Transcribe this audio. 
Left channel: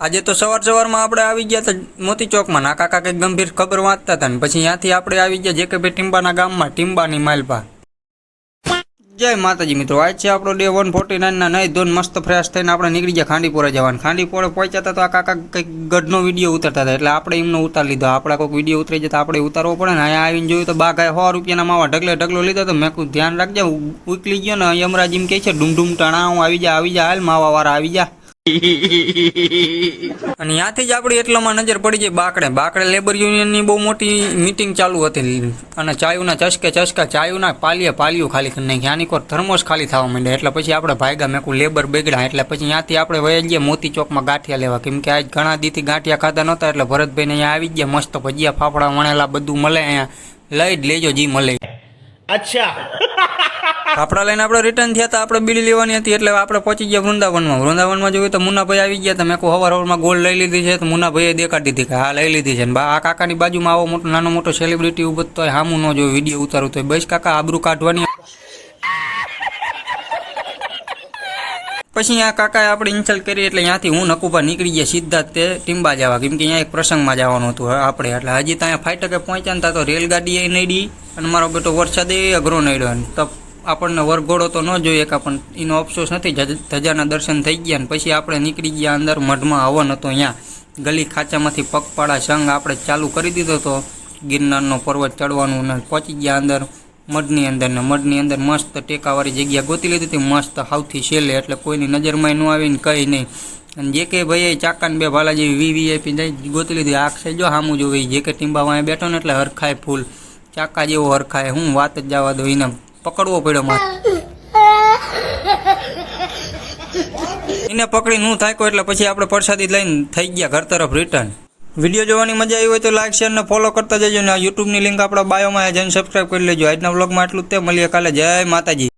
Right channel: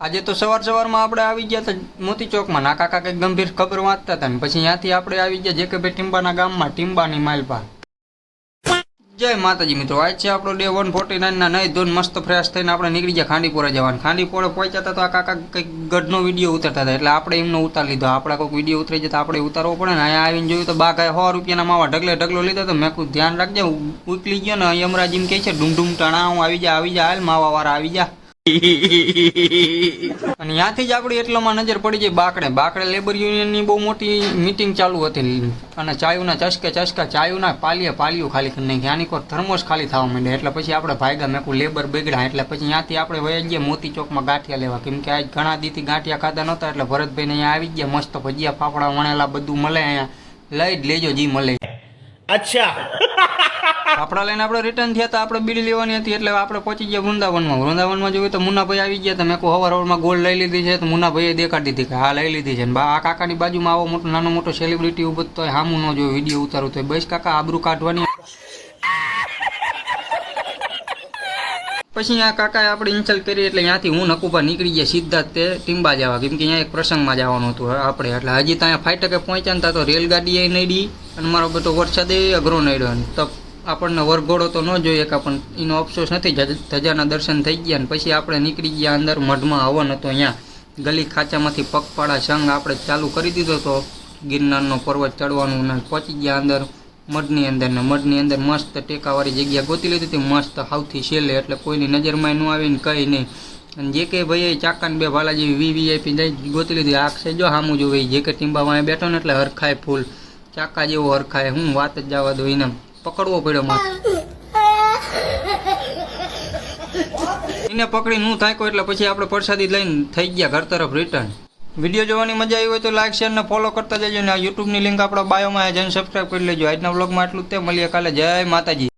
આજે તો સવારમાં આપણે આવી ગયા હતા મોતી ચોકમાં ના કાકા કંઈક ગંભીર ખબર વાંચતા હતા ને પછી ત્યાંથી આપણે આવી ગયા જેકેભાઈ ટીમ્બાના ગામમાં ટીમ્બાની માલપા. જય માતાજી મિત્રો, આજ છે આપણો ડે 149 ના નહીં ધોન મસ્ત ફ્રેશ થઈને આપણે નીકળી ગયા ખાંડીપોરા જવાનું. ખાંડીપોરે પહોંચ્યા હતા તો આ કાકા કંઈક ગઢનો વિડીયો ઉતારતા હતા એટલે આપણે એમનો ઉતાર લીધો. આપણે કોઈક વિડીયો ઉતરી જતા આપણે ઉતારવો પડે ને. અહીંયા આવીને જોયું તો બાગાએ 100 રૂપિયાના માવા ઢગલો લીધો તો મેં કહ્યું ધ્યાન રાખજે ઉકલી ગયો ને યમરાજ એમ કહે છે ડુમડુમ ટણા હું આવી જા હાલ માવા વાળા આવી જા. અને ત્યાંથી જ આપણી એટલામાં નજર પડી જાય બાકડે લેબર યુનિયનની બહુ મોટી મીટિંગ ચાલુ હતી અને ચાયુના ચસકા ચાયુના પાલિયું ખાલી કરી નાખી. આની કોઈ થર્મોસ ખાલી થવા માંડ્યા એટલે પછી આપણે ભાગ્યા મેકું લેબર બેગડા એટલે પછી ત્યાંથી આપણે વહી ગયા મોતી ચોકમાં ગાંઠિયા લેવા, કેમ કે આજ ઘણા દીથી ગાંઠિયા ખાતા નહોતા એટલે ભરતભાઈને અહીંયા આવી ગયા. મસ્ત ભજીયા ફાફડા વણેલા બધું મળે, અહીંયા લઈ જ લેજો જી મળે. અચ્છા ફાફડા લઈને આપણે રિટર્ન થયા હતા. આપણે બીડી લેવાની હતી એટલે આપણે પહોંચી ગયા વૃંદાવનમાં જોયું તો મુન્નાભાઈ આવી ગયા. તો મેં કહું હવારમાં ગોલ્ડ લઈ લીધી છે તો મુન્નાભાઈએ દેખાડી દીધી કે હા લઈ લીધી છે. ને આ કાકાની બાજુમાં આવો નાનો મોટો સેલિબ્રિટી ઉભો તો હામું ન જોયું વિડીયો ઉતારું તો બસ કાકા આબરૂ કાઢવાની. પછી આ કાકાએ આપણે ઇન્સલ્ટ કરી એટલે ત્યાંથી હું નકુભા નીકળી ગયા સીધા તે ટીમ્બા જવા, કેમ કે અહીંયા એક પ્રસંગમાં જવાનું હતું આપણે. એટલે હજી ત્યાં 5 ટકે પહોંચ્યા ને તો રેલગાડી એ નડી અને મારો બેટો વરસાદ એ અઘરો નડ્યો. તો આપણને વરઘોડો તો ન જોઈએ કે પણ એનો અફસોસ નથી. ધજાના દર્શન થઈ ગયા ને પછી આપણે નીકળી ગયા અંદર. મઢમાં હવન હતો, અહીંયા ગલી ખાંચામાંથી પગપાળા સંઘ આપણે ચાલુ કરી દીધો હતો ગિરનારનો પર્વત ચડવાનું ને પહોંચી ગયા અંદર મઢની અંદર. ને મઢની અંદર મસ્ત ટેકાવાળી જગ્યા ગોતી લીધી હતી, મસ્ત સૌથી છેલ્લે એટલે કોઈની નજરમાં ન આવીને કંઈ નહીં. અને જે કે ભાઈ ચાકાને બે ભાલા જેવી વીવીઆઈપી ગોતી લીધી. આખશે જો સામું જોવે જે કે ટીમ્બા વાંહે બેઠો ને એટલે હરખાય ફૂલ ચાકા જેવો હરખાય. હું વાત જ જવા દો, એને પકડવો પડ્યો મારે. એને પકડીને હું થાક્યો એટલે પછી આપણે પ્રસાદી લઈને થઈ ગયા ઘર તરફ રિટર્ન. વિડીયો જોવાની મજા આવી હોય તો લાઈક શેર ને ફોલો કરતા જજો ને યુટ્યુબની લિંક આપણા બાયોમાં જઈને સબસ્ક્રાઈબ કરી લેજો. આજના વ્લોગમાં એટલું જ તે, મળીએ કાલે. જય માતાજી.